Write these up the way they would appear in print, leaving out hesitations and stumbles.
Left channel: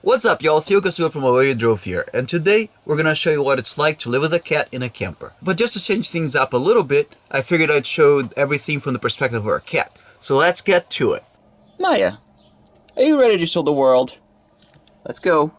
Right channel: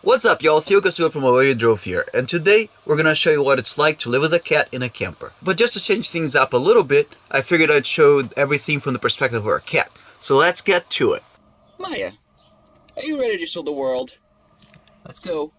What's up, y'all? Theo Casua from Away You Drove here, and today we're gonna show you what it's like to live with a cat in a camper. But just to change things up a little bit, I figured I'd show everything from the perspective of a cat. So let's get to it. Maya, are you ready to show the world? Let's go.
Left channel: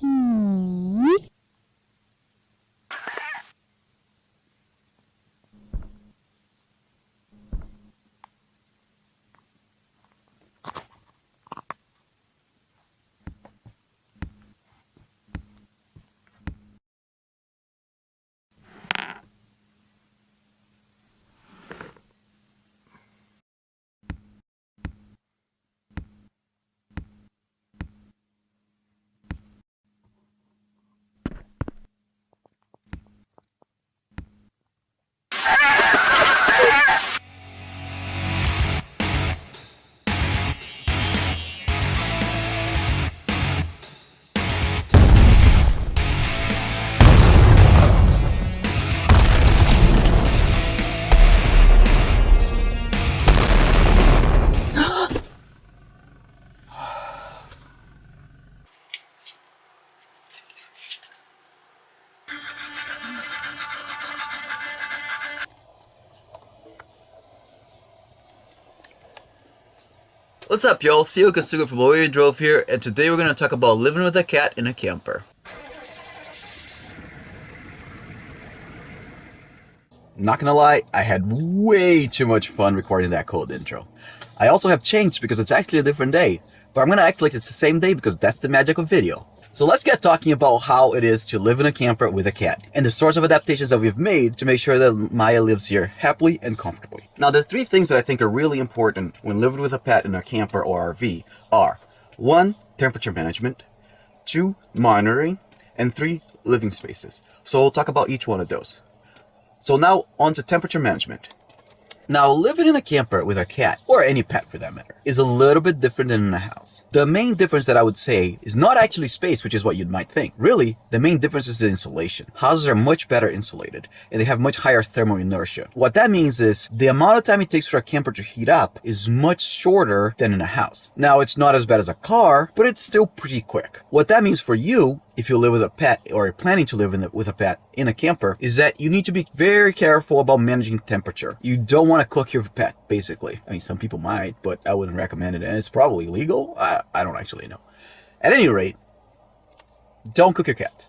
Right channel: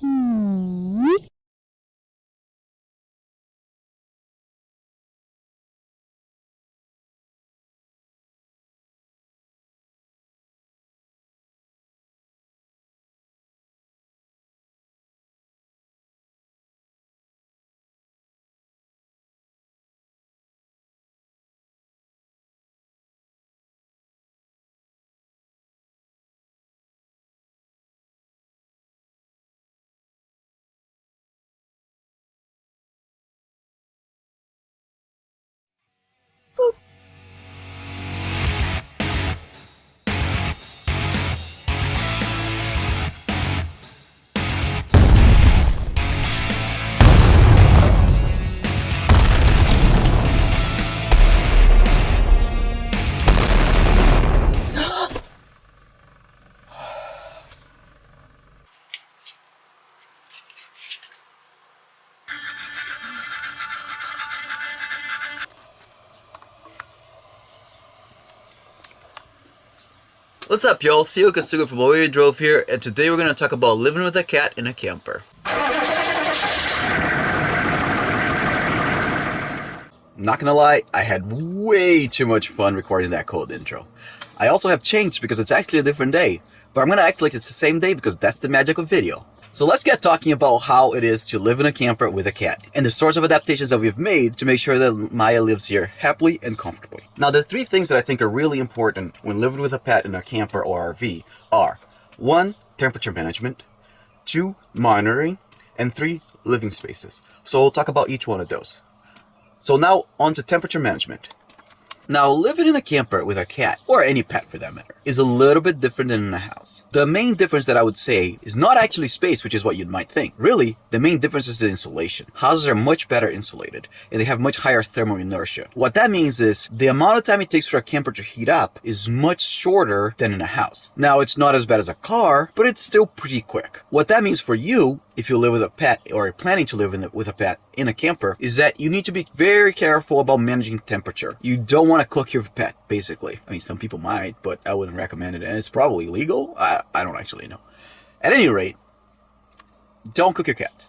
What's up, y'all? Theo Casua from Away You Drove here, and today we're gonna talk about living with a cat in a camper. Not gonna lie, I had way too much fun recording that cold intro. I also have changed because it's actually a different day, but I'm gonna act like it's the same day because that's the magic of video. So let's get talking about how it is to live in a camper with a cat and the sorts of adaptations that we've made to make sure that Maya lives here happily and comfortably. Now, the three things that I think are really important when living with a pet in a camper or RV are 1. Temperature management, 2. Monitoring, and 3. Living spaces. So we'll talk about each one of those. So now on to temperature management. Now, living in a camper with a cat, or any pet for that matter, is a little bit different than in a house. The main difference that I would say is not actually space, which is what you might think. Really, the main difference is the insulation. Houses are much better insulated, and they have much higher thermal inertia. What that means is the amount of time it takes for a camper to heat up is much shorter than in a house. Now, it's not as bad as a car, but it's still pretty quick. What that means for you, if you live with a pet or are planning to live with a pet in a camper, is that you need to be very careful about managing temperature. You don't want to cook your pet, basically. I mean, some people might, but I wouldn't recommend it. It's probably legal. I don't actually know. At any rate, don't cook your cat.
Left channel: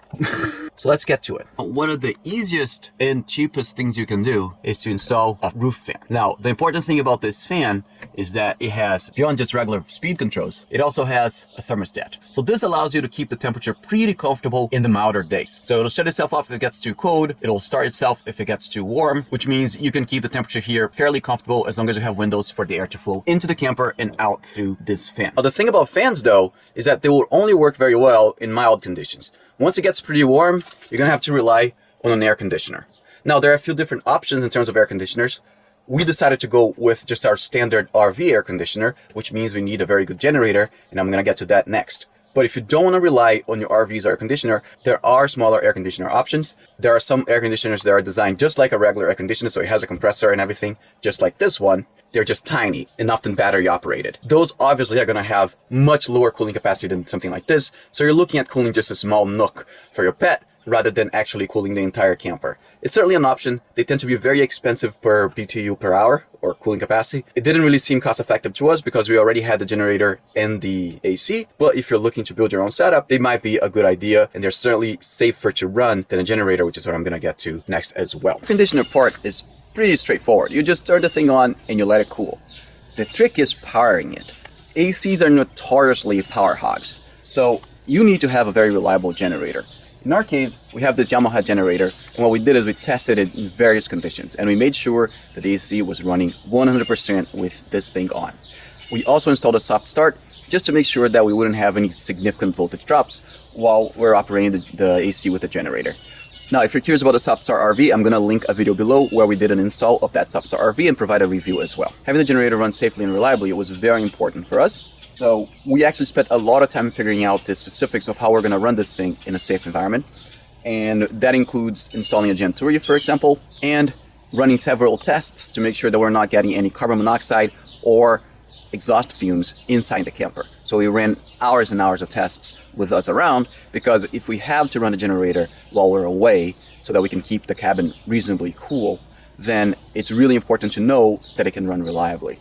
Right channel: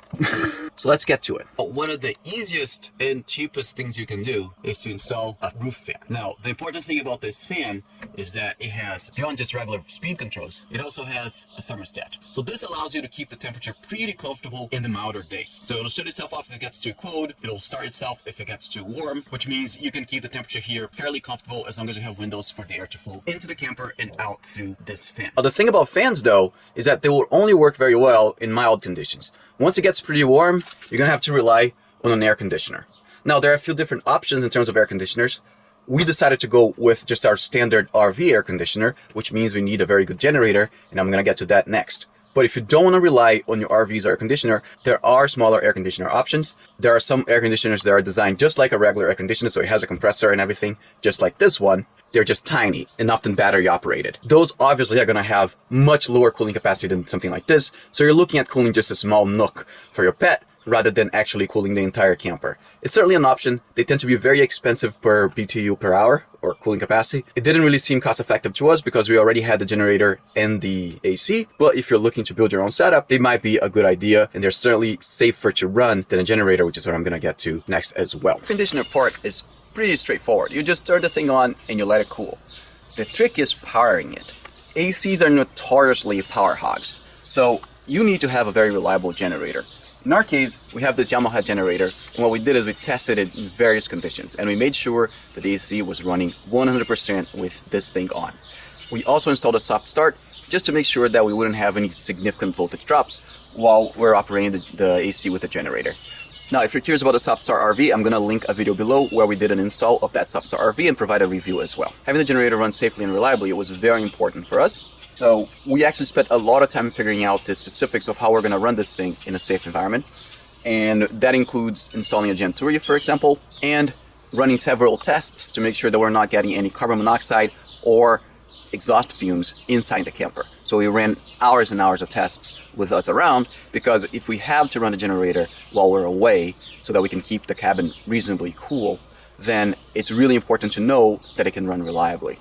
So let's get to it. One of the easiest and cheapest things you can do is to install a roof fan. Now, the important thing about this fan is that it has, beyond just regular speed controls, it also has a thermostat. So this allows you to keep the temperature pretty comfortable in the milder days. So it'll shut itself off if it gets too cold. It'll start itself if it gets too warm, which means you can keep the temperature here fairly comfortable as long as you have windows for the air to flow into the camper and out through this fan. Now, the thing about fans, though, is that they will only work very well in mild conditions. Once it gets pretty warm, you're gonna have to rely on an air conditioner. Now, there are a few different options in terms of air conditioners. We decided to go with just our standard RV air conditioner, which means we need a very good generator, and I'm gonna get to that next. But if you don't want to rely on your RV's air conditioner, there are smaller air conditioner options. There are some air conditioners that are designed just like a regular air conditioner, so it has a compressor and everything, just like this one. They're just tiny and often battery operated. Those obviously are going to have much lower cooling capacity than something like this, so you're looking at cooling just a small nook for your pet rather than actually cooling the entire camper. It's certainly an option. They tend to be very expensive per BTU per hour, or cooling capacity. It didn't really seem cost effective to us because we already had the generator in the AC, but if you're looking to build your own setup, they might be a good idea, and they're certainly safer to run than a generator, which is what I'm gonna get to next as well. The conditioner part is pretty straightforward. You just turn the thing on and you let it cool. The trick is powering it. ACs are notoriously power hogs, so you need to have a very reliable generator. In our case, we have this Yamaha generator, and what we did is we tested it in various conditions, and we made sure that the AC was running 100% with this thing on. We also installed a soft start just to make sure that we wouldn't have any significant voltage drops while we're operating the AC with the generator. Now, if you're curious about the Soft Start RV, I'm going to link a video below where we did an install of that Soft Start RV and provide a review as well. Having the generator run safely and reliably was very important for us. So we actually spent a lot of time figuring out the specifics of how we're going to run this thing in a safe environment. And that includes installing a Gen 2, for example, and running several tests to make sure that we're not getting any carbon monoxide or exhaust fumes inside the camper. So we ran hours and hours of tests with us around, because if we have to run a generator while we're away so that we can keep the cabin reasonably cool, then it's really important to know that it can run reliably.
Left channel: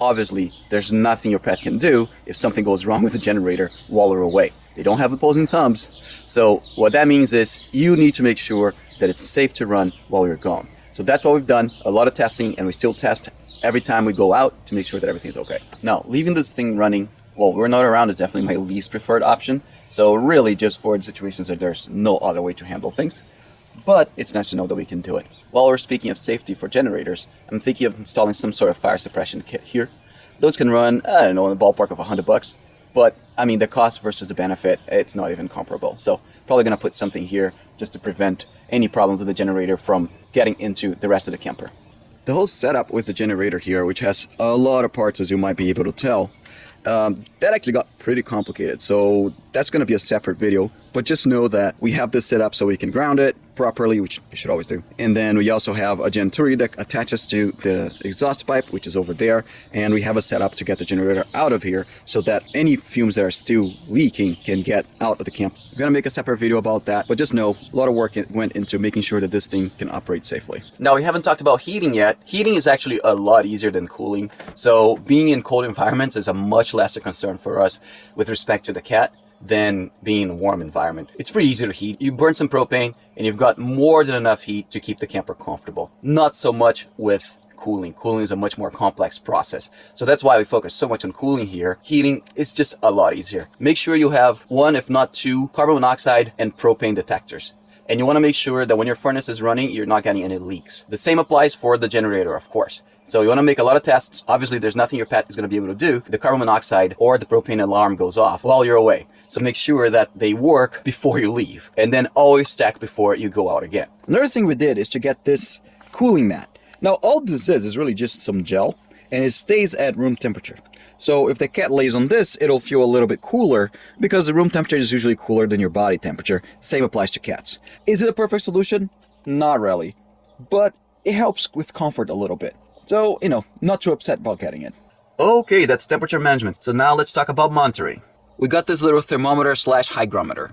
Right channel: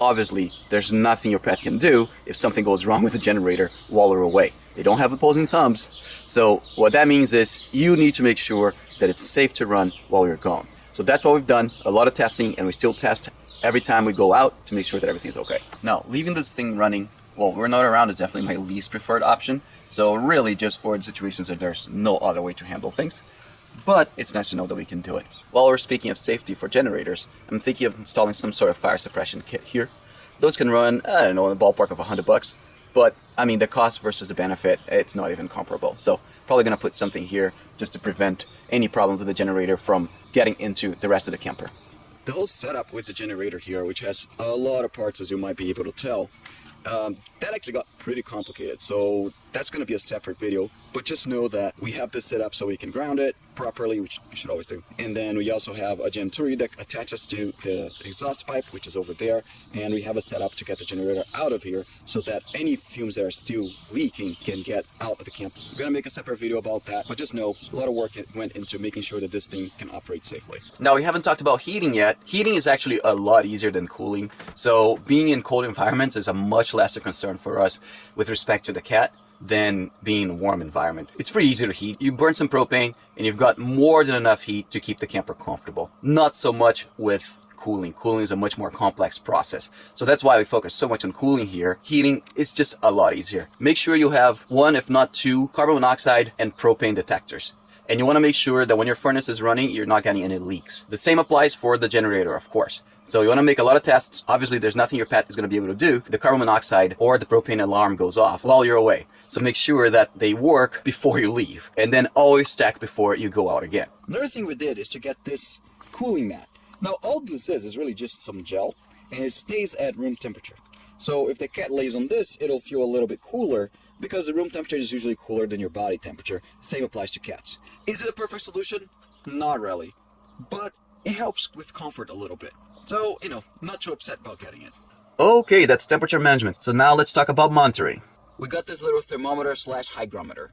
Obviously, there's nothing your pet can do if something goes wrong with the generator while we're away. They don't have opposing thumbs. So what that means is you need to make sure that it's safe to run while you're gone. So that's what we've done, a lot of testing, and we still test every time we go out to make sure that everything's okay. Now, leaving this thing running while we're not around is definitely my least preferred option. So really just for the situations that there's no other way to handle things. But it's nice to know that we can do it. While we're speaking of safety for generators, I'm thinking of installing some sort of fire suppression kit here. Those can run, I don't know, in the ballpark of $100. But I mean, the cost versus the benefit, it's not even comparable. So probably gonna put something here just to prevent any problems with the generator from getting into the rest of the camper. The whole setup with the generator here, which has a lot of parts, as you might be able to tell, that actually got pretty complicated. So that's going to be a separate video, but just know that we have this set up so we can ground it properly, which you should always do. And then we also have a Genturi that attaches to the exhaust pipe, which is over there. And we have a setup to get the generator out of here so that any fumes that are still leaking can get out of the camp. I'm going to make a separate video about that, but just know a lot of work went into making sure that this thing can operate safely. Now, we haven't talked about heating yet. Heating is actually a lot easier than cooling. So being in cold environments is a much lesser concern for us with respect to the cat than being in a warm environment. It's pretty easy to heat. You burn some propane and you've got more than enough heat to keep the camper comfortable. Not so much with cooling. Cooling is a much more complex process. So that's why we focus so much on cooling here. Heating is just a lot easier. Make sure you have one, if not two, carbon monoxide and propane detectors. And you want to make sure that when your furnace is running, you're not getting any leaks. The same applies for the generator, of course. So you want to make a lot of tests. Obviously, there's nothing your pet is going to be able to do if the carbon monoxide or the propane alarm goes off while you're away. So make sure that they work before you leave, and then always check before you go out again. Another thing we did is to get this cooling mat. Now, all this is really just some gel, and it stays at room temperature. So if the cat lays on this, it'll feel a little bit cooler because the room temperature is usually cooler than your body temperature. Same applies to cats. Is it a perfect solution? Not really, but it helps with comfort a little bit. So, not too upset about getting it. Okay, that's temperature management. So now let's talk about monitoring. We got this little thermometer / hygrometer.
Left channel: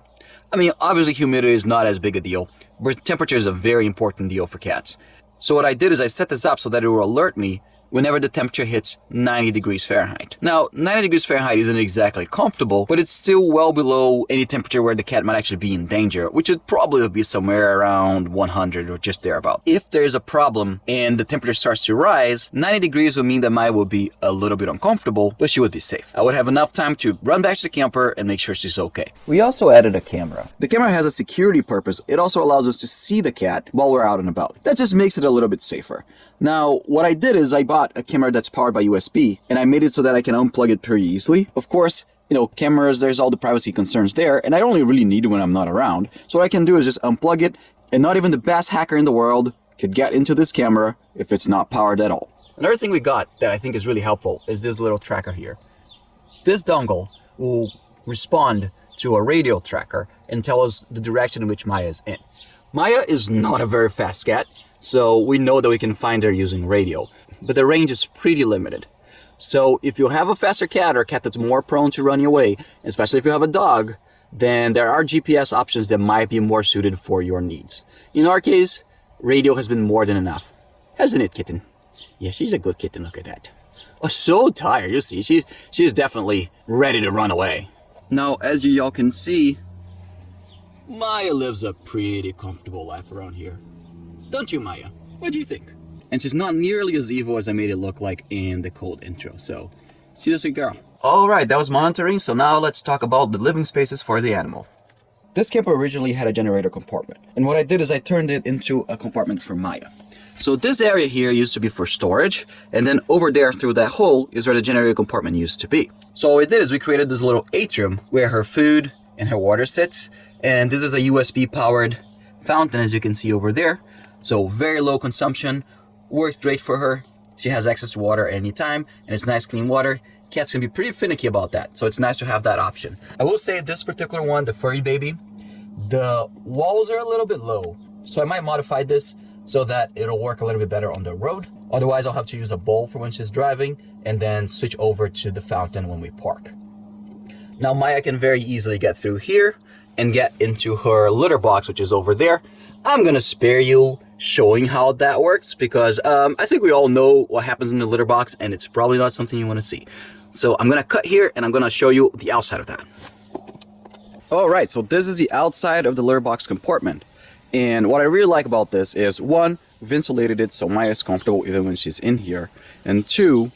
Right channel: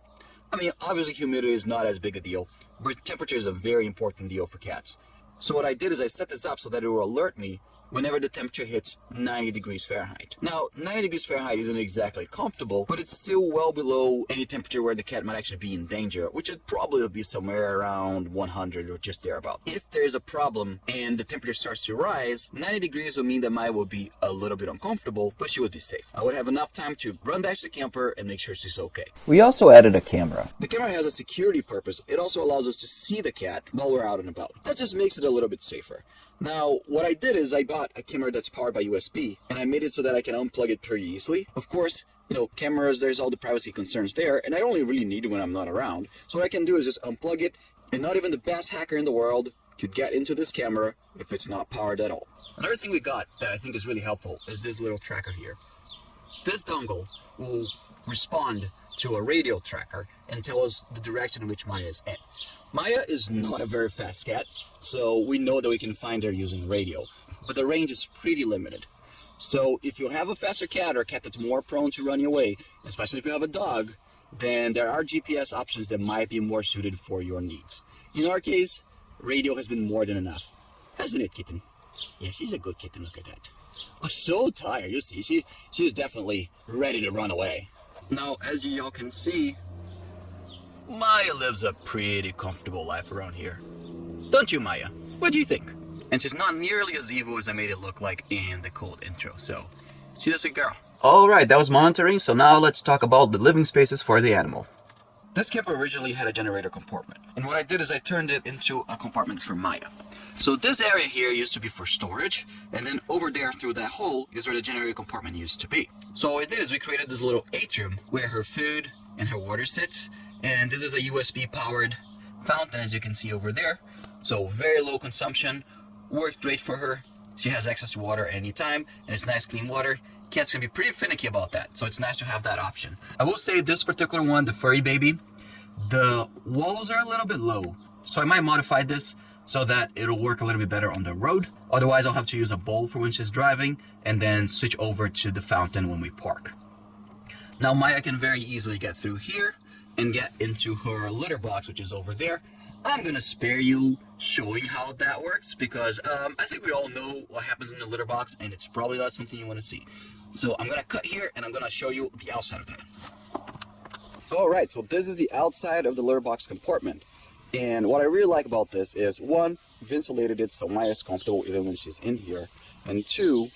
I mean, obviously humidity is not as big a deal, but temperature is a very important deal for cats. So what I did is I set this up so that it will alert me whenever the temperature hits 90 degrees Fahrenheit. Now, 90 degrees Fahrenheit isn't exactly comfortable, but it's still well below any temperature where the cat might actually be in danger, which would probably be somewhere around 100 or just thereabout. If there's a problem and the temperature starts to rise, 90 degrees would mean that Maya would be a little bit uncomfortable, but she would be safe. I would have enough time to run back to the camper and make sure she's okay. We also added a camera. The camera has a security purpose. It also allows us to see the cat while we're out and about. That just makes it a little bit safer. Now, what I did is I bought a camera that's powered by USB, and I made it so that I can unplug it pretty easily. Of course, cameras, there's all the privacy concerns there, and I only really need it when I'm not around. So what I can do is just unplug it, and not even the best hacker in the world could get into this camera if it's not powered at all. Another thing we got that I think is really helpful is this little tracker here. This dongle will respond to a radio tracker and tell us the direction in which Maya is in. Maya is not a very fast cat, so we know that we can find her using radio, but the range is pretty limited. So if you have a faster cat or a cat that's more prone to running away, especially if you have a dog, then there are GPS options that might be more suited for your needs. In our case, radio has been more than enough. Hasn't it, kitten? Yeah, she's a good kitten, look at that. Oh, so tired, you see, she is definitely ready to run away. Now, as you all can see, Maya lives a pretty comfortable life around here. Don't you, Maya? What do you think? And she's not nearly as evil as I made it look like in the cold intro, so she's a sweet girl. Alright, that was monitoring, so now let's talk about the living spaces for the animal. This camper originally had a generator compartment, and what I did is I turned it into a compartment for Maya. So this area here used to be for storage, and then over there through that hole is where the generator compartment used to be. So what we did is we created this little atrium where her food and her water sits, and this is a USB powered fountain, as you can see over there. So very low consumption, worked great for her. She has access to water at any time, and it's nice clean water. Cats can be pretty finicky about that, so it's nice to have that option. I will say this particular one, the furry baby, the walls are a little bit low, so I might modify this so that it'll work a little bit better on the road. Otherwise, I'll have to use a bowl for when she's driving and then switch over to the fountain when we park. Now Maya can very easily get through here and get into her litter box, which is over there. I'm gonna spare you showing how that works because I think we all know what happens in the litter box and it's probably not something you want to see. So I'm gonna cut here and I'm gonna show you the outside of that. Alright, so this is the outside of the litter box compartment. And what I really like about this is, one, we've insulated it so Maya is comfortable even when she's in here. And two,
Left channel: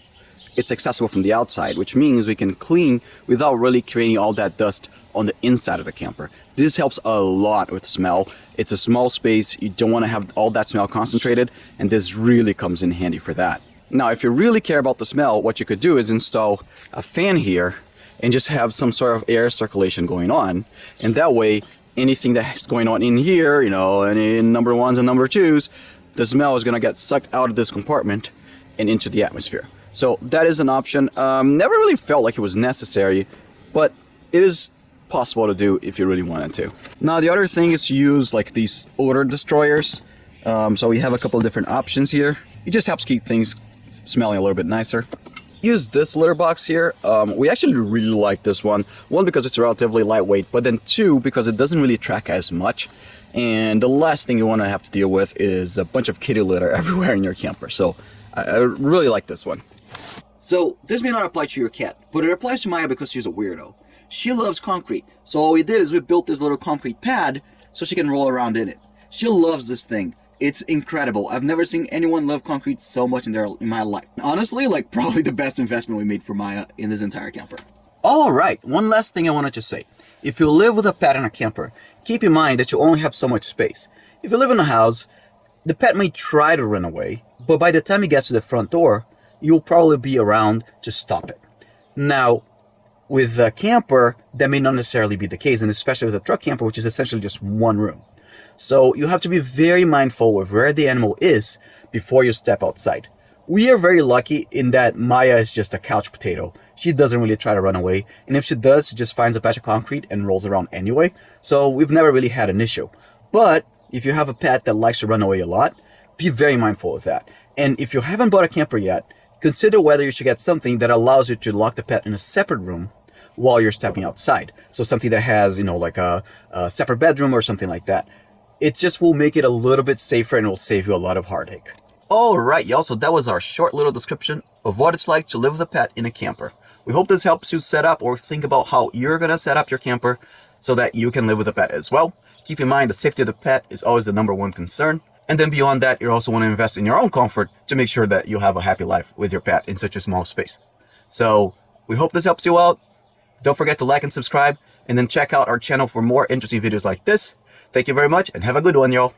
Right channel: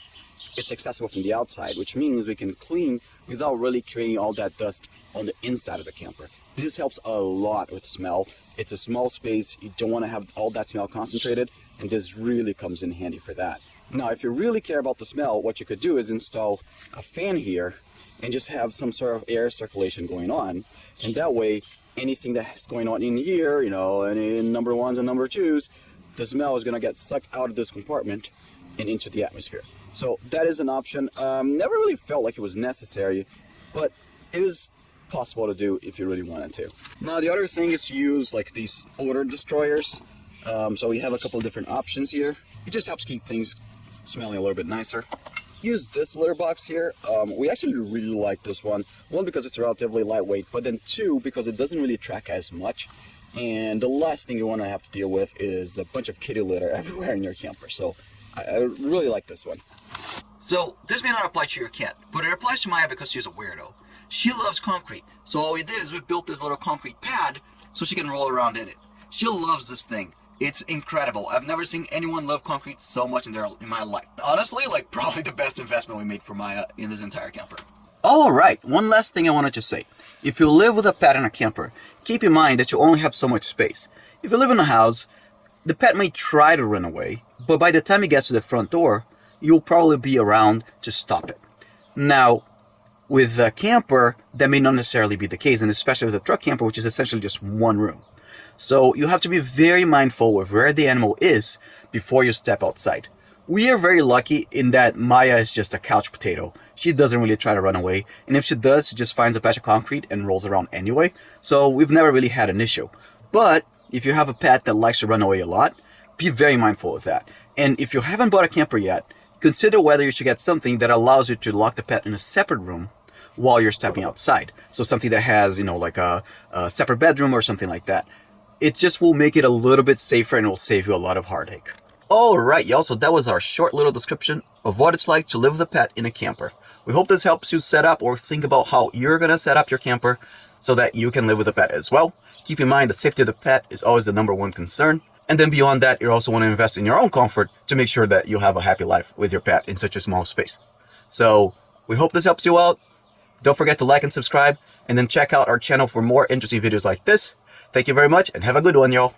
it's accessible from the outside, which means we can clean without really creating all that dust on the inside of the camper. This helps a lot with smell. It's a small space, you don't want to have all that smell concentrated, and this really comes in handy for that. Now, if you really care about the smell, what you could do is install a fan here and just have some sort of air circulation going on, and that way anything that's going on in here, you know, any number ones and number twos, the smell is going to get sucked out of this compartment and into the atmosphere. So that is an option. Never really felt like it was necessary, but it is possible to do if you really wanted to. Now the other thing is to use like these odor destroyers. So we have a couple of different options here. It just helps keep things smelling a little bit nicer. Use this litter box here. We actually really like this one. One, because it's relatively lightweight, but then two, because it doesn't really track as much. And the last thing you want to have to deal with is a bunch of kitty litter everywhere in your camper. So I really like this one. So this may not apply to your cat, but it applies to Maya because she's a weirdo. She loves concrete. So all we did is we built this little concrete pad so she can roll around in it. She loves this thing. It's incredible. I've never seen anyone love concrete so much in my life. Honestly, like probably the best investment we made for Maya in this entire camper. All right, one last thing I wanted to say. If you live with a pet in a camper, keep in mind that you only have so much space. If you live in a house, the pet may try to run away, but by the time it gets to the front door, you'll probably be around to stop it. Now, with a camper, that may not necessarily be the case, and especially with a truck camper, which is essentially just one room. So you have to be very mindful of where the animal is before you step outside. We are very lucky in that Maya is just a couch potato. She doesn't really try to run away, and if she does, she just finds a patch of concrete and rolls around anyway. So we've never really had an issue. But if you have a pet that likes to run away a lot, be very mindful of that. And if you haven't bought a camper yet, consider whether you should get something that allows you to lock the pet in a separate room while you're stepping outside. So something that has, you know, like a separate bedroom or something like that. It just will make it a little bit safer and will save you a lot of heartache. Alright y'all, so that was our short little description of what it's like to live with a pet in a camper. We hope this helps you set up or think about how you're going to set up your camper so that you can live with a pet as well. Keep in mind the safety of the pet is always the #1 concern. And then beyond that, you also want to invest in your own comfort to make sure that you have a happy life with your pet in such a small space. So we hope this helps you out. Don't forget to like and subscribe, and then check out our channel for more interesting videos like this. Thank you very much, and have a good one, y'all.